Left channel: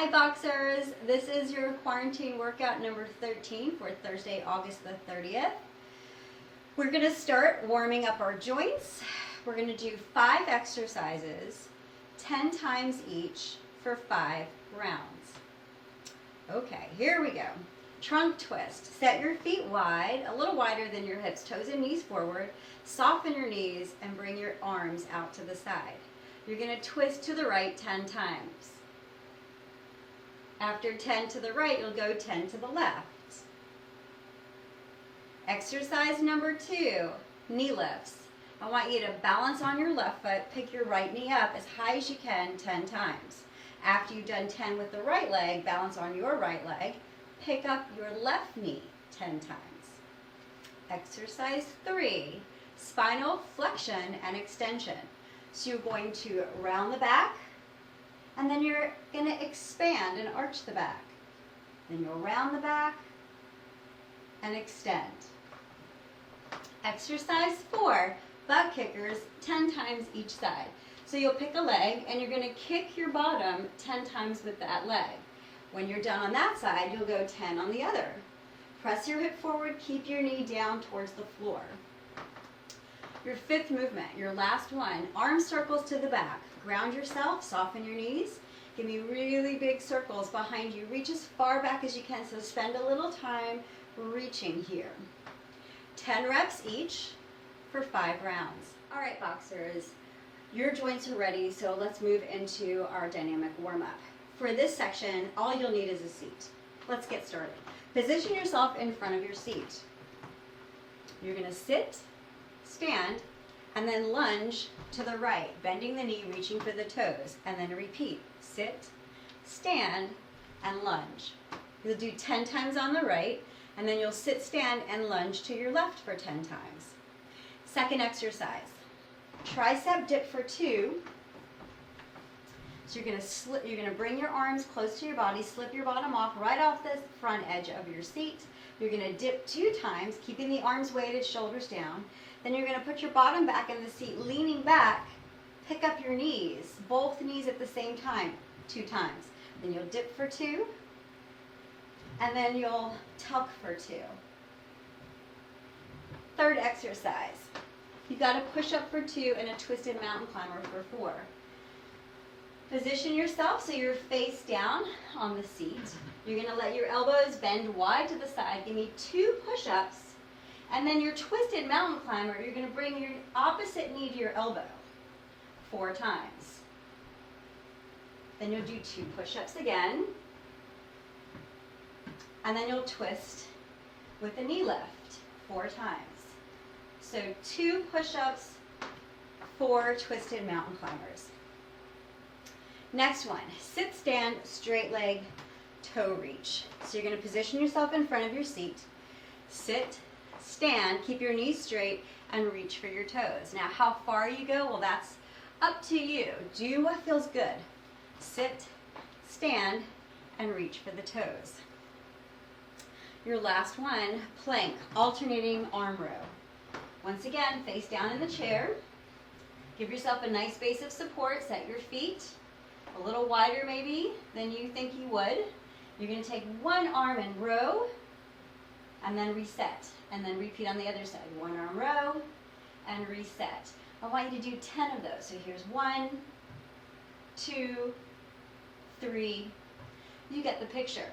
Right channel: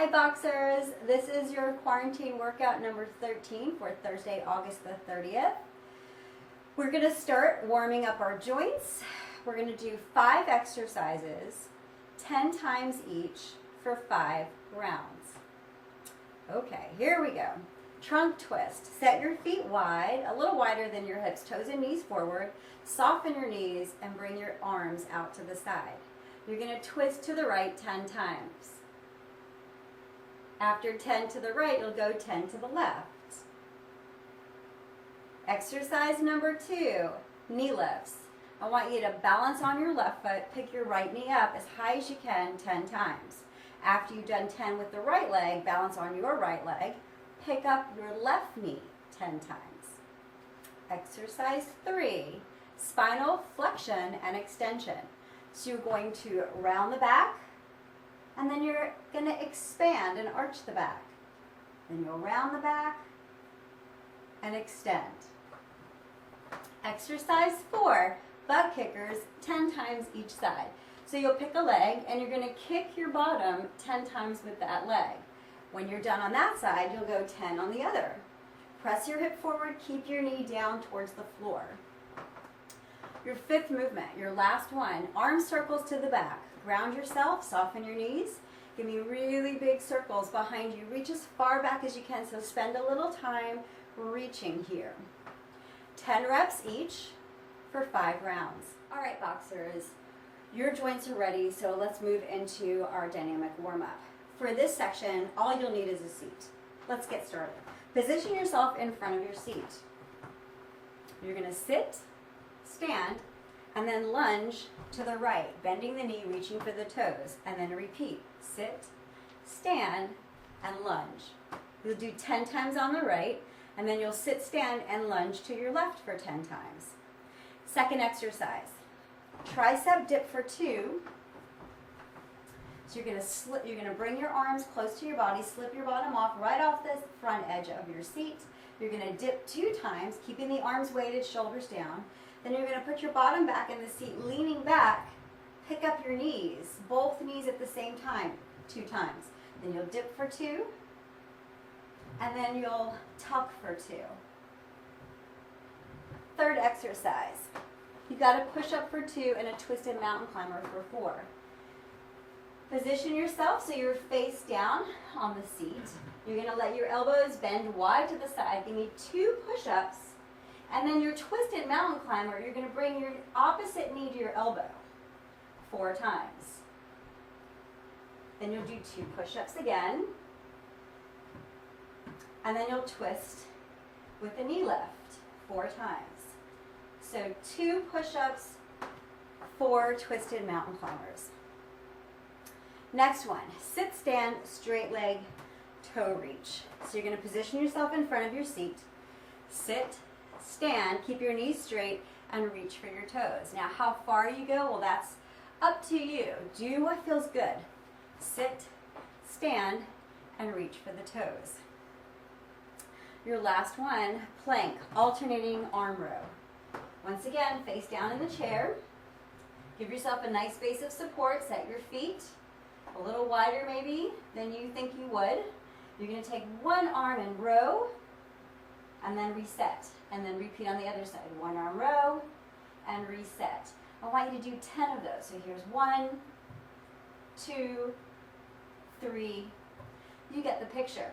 Hi Boxers, this is your quarantine workout number 13 for Thursday, August the 30th. We're going to start warming up our joints. We're going to do 5 exercises, 10 times each for 5 rounds. Okay, here we go. Trunk twist. Set your feet wide, a little wider than your hips, toes and knees forward. Soften your knees and bring your arms out to the side. You're going to twist to the right 10 times. After 10 to the right, you'll go 10 to the left. Exercise number 2, knee lifts. I want you to balance on your left foot, pick your right knee up as high as you can 10 times. After you've done 10 with the right leg, balance on your right leg, pick up your left knee 10 times. Exercise 3, spinal flexion and extension. So you're going to round the back, and then you're going to expand and arch the back. Then you'll round the back and extend. Exercise 4, butt kickers 10 times each side. So you'll pick a leg and you're going to kick your bottom 10 times with that leg. When you're done on that side, you'll go 10 on the other. Press your hip forward, keep your knee down towards the floor. Your 5th movement, your last one, arm circles to the back. Ground yourself, soften your knees. Give me really big circles behind you. Reach as far back as you can, so spend a little time reaching here. 10 reps each for 5 rounds. All right, Boxers, your joints are ready, so let's move into our dynamic warm-up. For this section, all you'll need is a seat. Let's get started. Position yourself in front of your seat. You're going to sit, stand, and then lunge to the right, bending the knee, reaching for the toes, and then repeat. Sit, stand, and lunge. You'll do 10 times on the right, and then you'll sit, stand, and lunge to your left for 10 times. Second exercise, tricep dip for 2. So you're gonna bring your arms close to your body, slip your bottom off right off the front edge of your seat. You're gonna dip 2 times, keeping the arms weighted, shoulders down. Then you're gonna put your bottom back in the seat, leaning back, pick up your knees, both knees at the same time, 2 times. Then you'll dip for 2, and then you'll tuck for 2. Third exercise, you got a push up for 2 and a twisted mountain climber for 4. Position yourself so you're face down on the seat. You're gonna let your elbows bend wide to the side. Give me 2 push-ups. And then your twisted mountain climber, you're going to bring your opposite knee to your elbow 4 times. Then you'll do 2 push-ups again. And then you'll twist with a knee lift 4 times. So 2 push-ups, 4 twisted mountain climbers. Next one, sit, stand, straight leg, toe reach. So you're going to position yourself in front of your seat, sit, stand, keep your knees straight, and reach for your toes. Now, how far you go, well, that's up to you. Do what feels good. Sit, stand, and reach for the toes. Your last one, plank, alternating arm row. Once again, face down in the chair. Give yourself a nice base of support. Set your feet a little wider maybe than you think you would. You're going to take one arm and row, and then reset, and then repeat on the other side. 1 arm row, and reset. I want you to do 10 of those. So here's 1, 2, 3. You get the picture.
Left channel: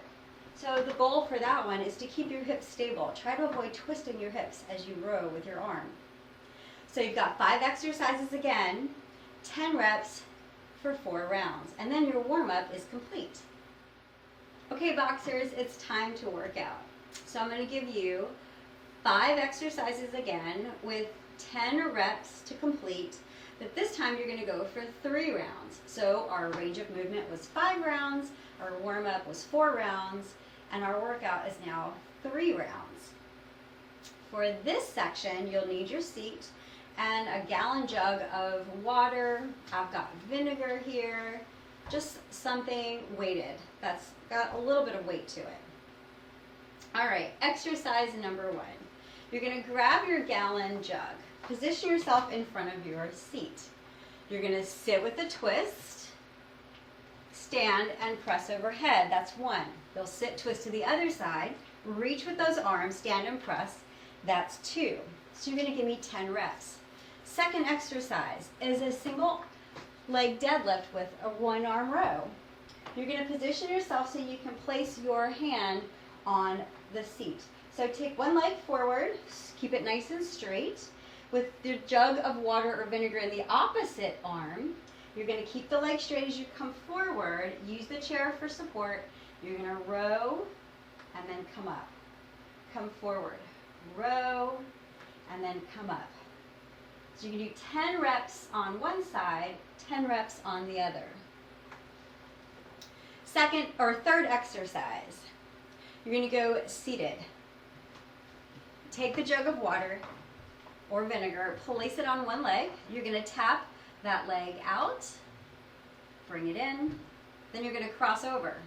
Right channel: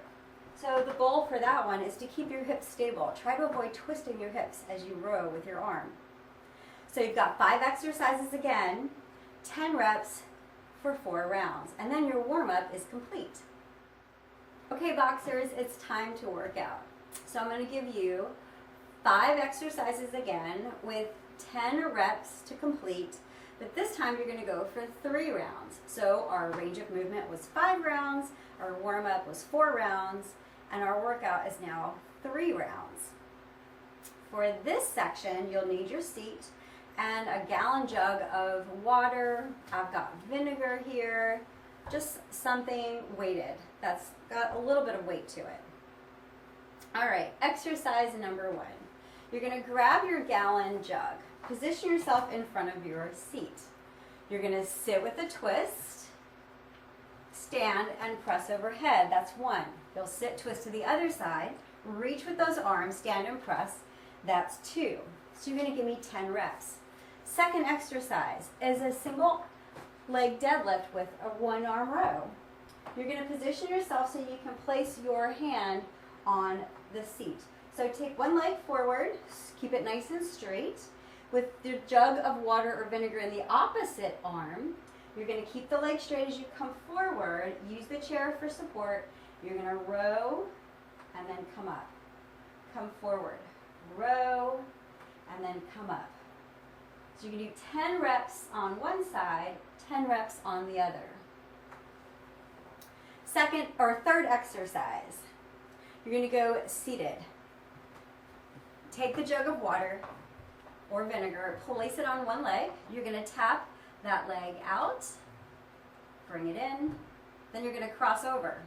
So the goal for that one is to keep your hips stable. Try to avoid twisting your hips as you row with your arm. So you've got 5 exercises again, 10 reps for 4 rounds, and then your warm-up is complete. Okay, Boxers, it's time to work out. So I'm going to give you 5 exercises again with 10 reps to complete, but this time you're going to go for 3 rounds. So our range of movement was 5 rounds, our warm-up was 4 rounds, and our workout is now 3 rounds. For this section, you'll need your seat and a gallon jug of water. I've got vinegar here, just something weighted that's got a little bit of weight to it. All right, exercise number 1. You're going to grab your gallon jug. Position yourself in front of your seat. You're going to sit with a twist, stand and press overhead. That's 1. You'll sit, twist to the other side, reach with those arms, stand and press. That's 2. So you're going to give me 10 reps. Second exercise is a single leg deadlift with a 1-arm row. You're going to position yourself so you can place your hand on the seat. So take one leg forward, keep it nice and straight. With the jug of water or vinegar in the opposite arm, you're going to keep the leg straight as you come forward. Use the chair for support. You're going to row and then come up. Come forward. Row and then come up. So you can do 10 reps on one side, 10 reps on the other. Second or third exercise, you're going to go seated. Take the jug of water or vinegar, place it on one leg. You're going to tap that leg out, bring it in, then you're going to cross over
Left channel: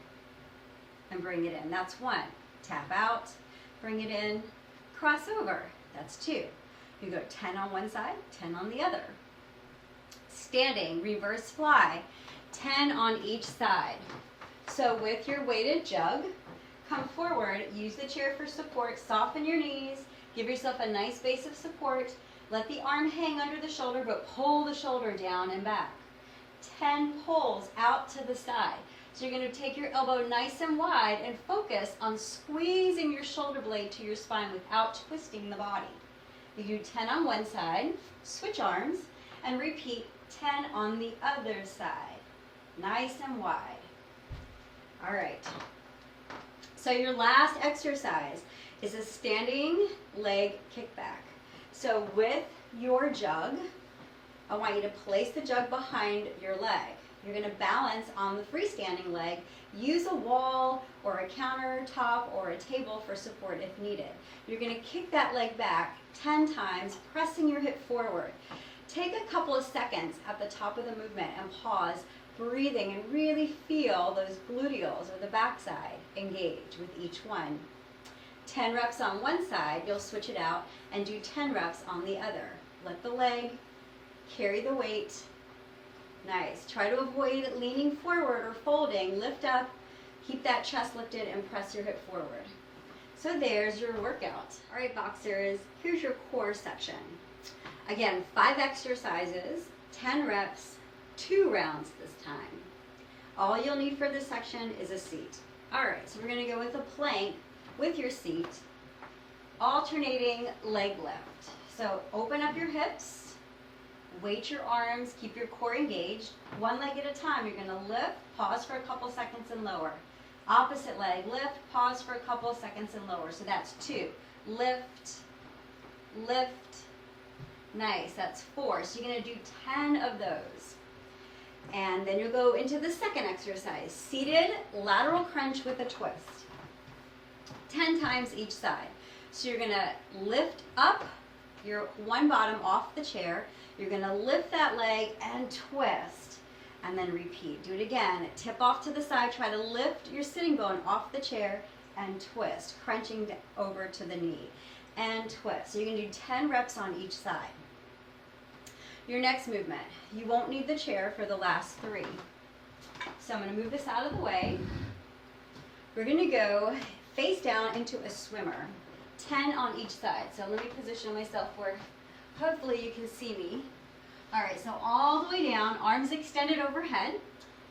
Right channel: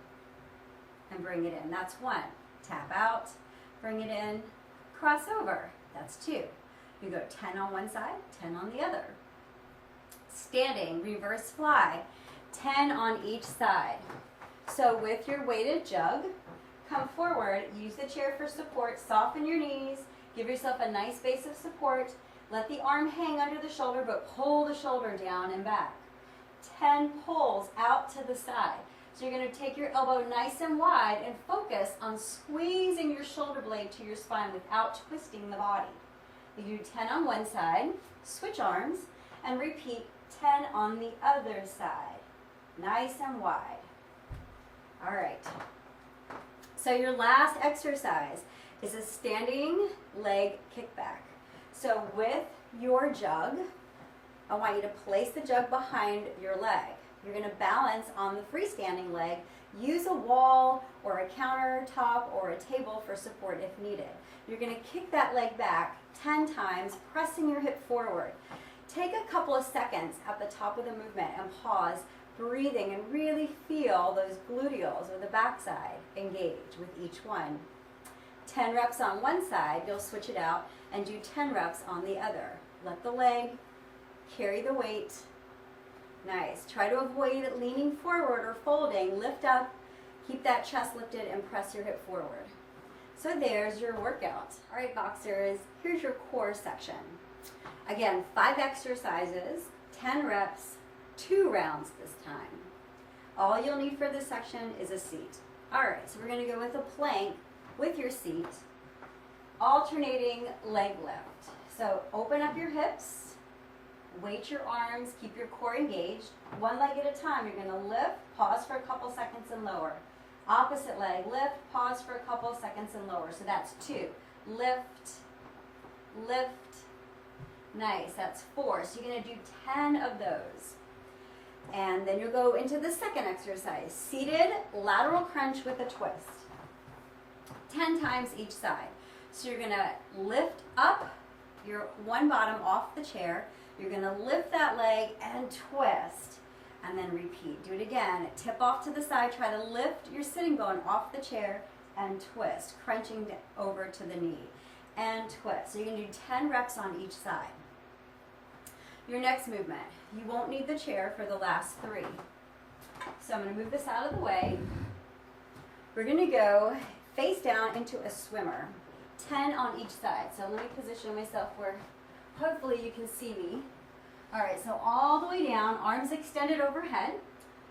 and bring it in. That's 1. Tap out, bring it in, cross over. That's 2. You go 10 on one side, 10 on the other. Standing, reverse fly, 10 on each side. So with your weighted jug, come forward, use the chair for support, soften your knees, give yourself a nice base of support, let the arm hang under the shoulder, but pull the shoulder down and back. 10 pulls out to the side. So you're going to take your elbow nice and wide and focus on squeezing your shoulder blade to your spine without twisting the body. You do 10 on one side, switch arms, and repeat 10 on the other side. Nice and wide. All right. So your last exercise is a standing leg kickback. So with your jug, I want you to place the jug behind your leg. You're going to balance on the freestanding leg. Use a wall or a countertop or a table for support if needed. You're going to kick that leg back 10 times, pressing your hip forward. Take a couple of seconds at the top of the movement and pause, breathing, and really feel those gluteals or the backside engage with each one. 10 reps on one side, you'll switch it out and do 10 reps on the other. Let the leg carry the weight. Nice. Try to avoid leaning forward or folding. Lift up, keep that chest lifted, and press your hip forward. So there's your workout. All right, boxers, here's your core section. Again, 5 exercises, 10 reps, 2 rounds this time. All you'll need for this section is a seat. All right, so we're going to go with a plank with your seat, alternating leg lift. So open up your hips, weight your arms, keep your core engaged. One leg at a time, you're going to lift, pause for a couple seconds and lower. Opposite leg, lift, pause for a couple seconds and lower. So that's 2. Lift, lift. Nice, that's 4. So you're going to do 10 of those. And then you'll go into the second exercise, seated lateral crunch with a twist. 10 times each side. So you're going to lift up your one bottom off the chair. You're going to lift that leg and twist. And then repeat. Do it again. Tip off to the side. Try to lift your sitting bone off the chair and twist, crunching over to the knee. And twist. So you're going to do 10 reps on each side. Your next movement. You won't need the chair for the last 3. So I'm going to move this out of the way. We're going to go face down into a swimmer. 10 on each side. So let me position myself where hopefully you can see me. All right, so all the way down, arms extended overhead.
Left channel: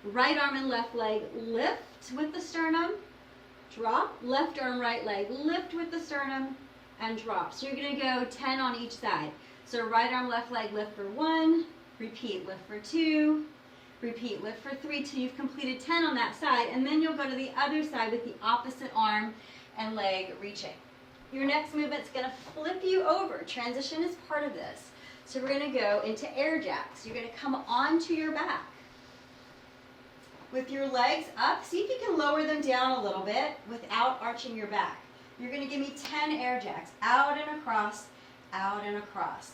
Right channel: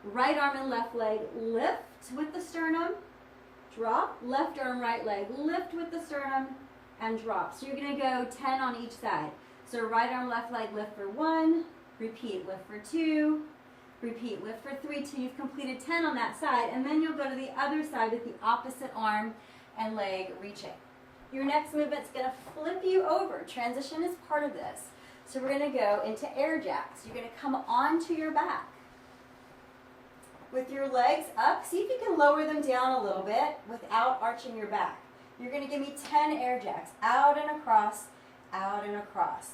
Right arm and left leg lift with the sternum, drop. Left arm, right leg lift with the sternum and drop. So you're going to go 10 on each side. So right arm, left leg lift for 1, repeat, lift for 2, repeat, lift for 3 till you've completed 10 on that side, and then you'll go to the other side with the opposite arm and leg reaching. Your next movement's going to flip you over. Transition is part of this. So we're going to go into air jacks. You're going to come onto your back. With your legs up, see if you can lower them down a little bit without arching your back. You're going to give me 10 air jacks, out and across, out and across.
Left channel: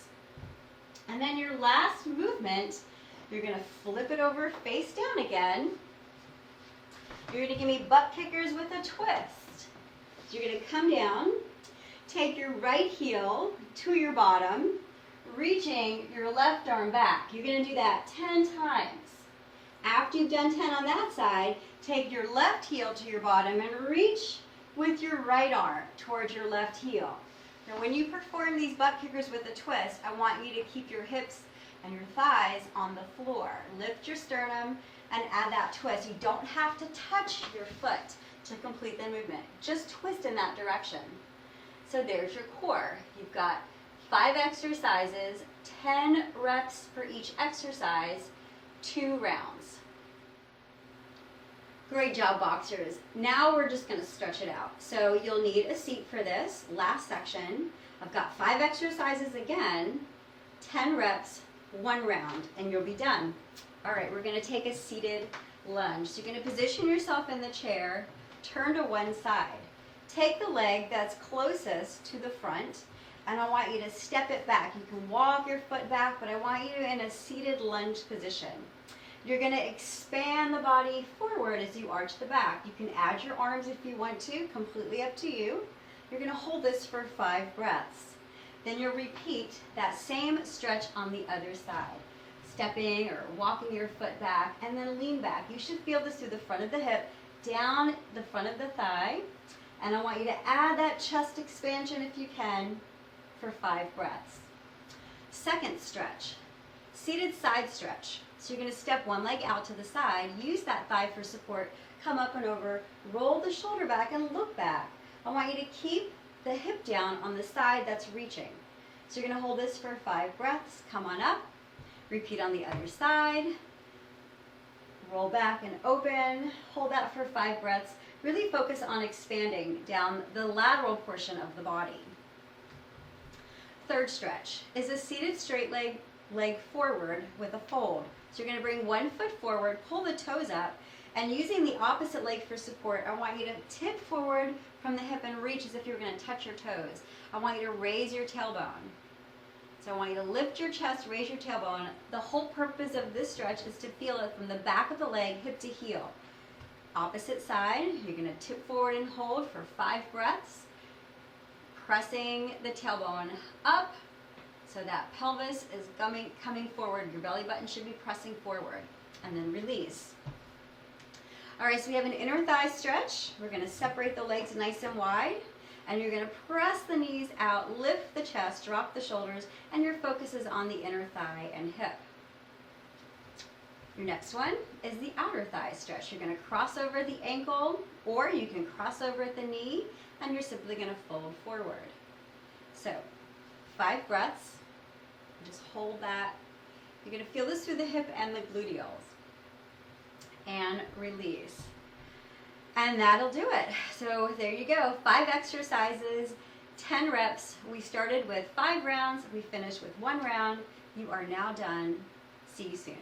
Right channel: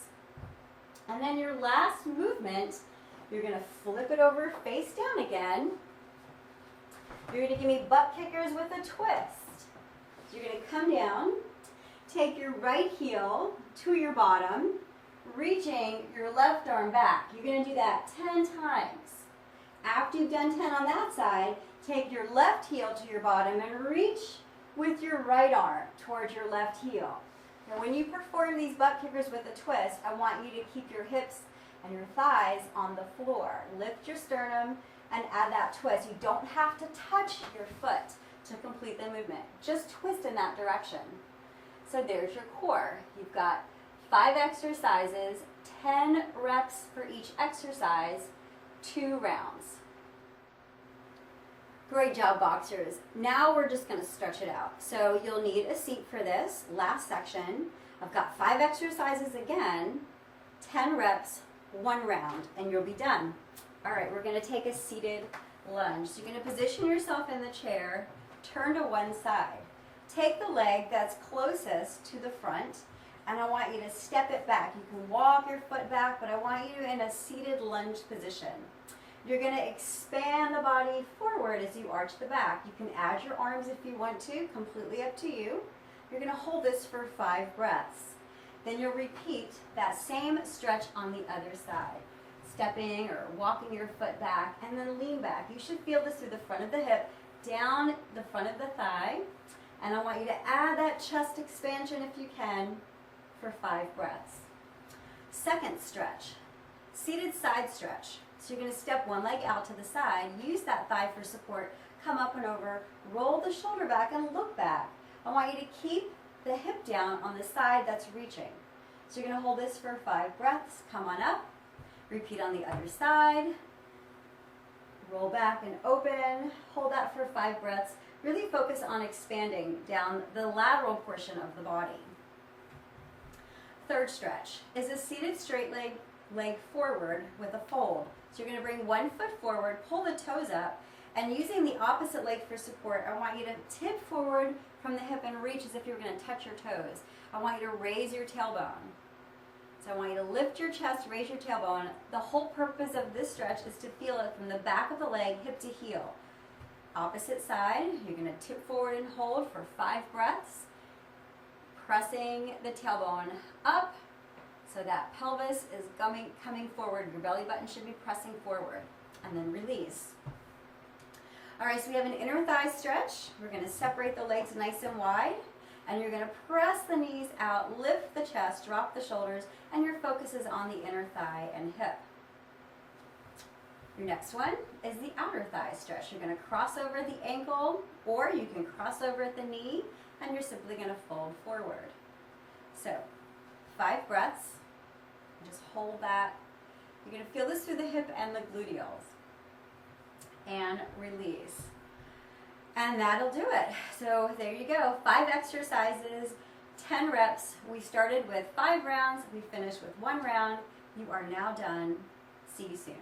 And then your last movement, you're going to flip it over face down again. You're going to give me butt kickers with a twist. So you're going to come down, take your right heel to your bottom, reaching your left arm back. You're going to do that 10 times. After you've done 10 on that side, take your left heel to your bottom and reach with your right arm towards your left heel. Now when you perform these butt kickers with a twist, I want you to keep your hips and your thighs on the floor. Lift your sternum and add that twist. You don't have to touch your foot to complete the movement. Just twist in that direction. So there's your core. You've got 5 exercises, 10 reps for each exercise, 2 rounds. Great job, boxers. Now we're just going to stretch it out. So you'll need a seat for this last section. I've got 5 exercises again, 10 reps, 1 round, and you'll be done. All right, we're going to take a seated lunge. So you're going to position yourself in the chair, turn to one side. Take the leg that's closest to the front, and I want you to step it back. You can walk your foot back, but I want you in a seated lunge position. You're going to expand the body forward as you arch the back. You can add your arms if you want to, completely up to you. You're going to hold this for 5 breaths. Then you'll repeat that same stretch on the other side. Stepping or walking your foot back, and then lean back. You should feel this through the front of the hip, down the front of the thigh, and I want you to add that chest expansion if you can for 5 breaths. Second stretch, seated side stretch. So you're going to step one leg out to the side, use that thigh for support, come up and over, roll the shoulder back and look back. I want you to keep the hip down on the side that's reaching. So you're going to hold this for 5 breaths, come on up, repeat on the other side, roll back and open, hold that for 5 breaths. Really focus on expanding down the lateral portion of the body. Third stretch is a seated straight leg forward with a fold. So you're going to bring one foot forward, pull the toes up, and using the opposite leg for support, I want you to tip forward from the hip and reach as if you're going to touch your toes. I want you to raise your tailbone. So I want you to lift your chest, raise your tailbone. The whole purpose of this stretch is to feel it from the back of the leg, hip to heel. Opposite side, you're going to tip forward and hold for 5 breaths, pressing the tailbone up. So that pelvis is coming forward. Your belly button should be pressing forward. And then release. All right, so we have an inner thigh stretch. We're going to separate the legs nice and wide. And you're going to press the knees out, lift the chest, drop the shoulders, and your focus is on the inner thigh and hip. Your next one is the outer thigh stretch. You're going to cross over the ankle, or you can cross over at the knee, and you're simply going to fold forward. So 5 breaths. Just hold that. You're going to feel this through the hip and the gluteals. And release. And that'll do it. So there you go. 5 exercises, 10 reps. We started with 5 rounds. We finished with 1 round. You are now done. See you soon.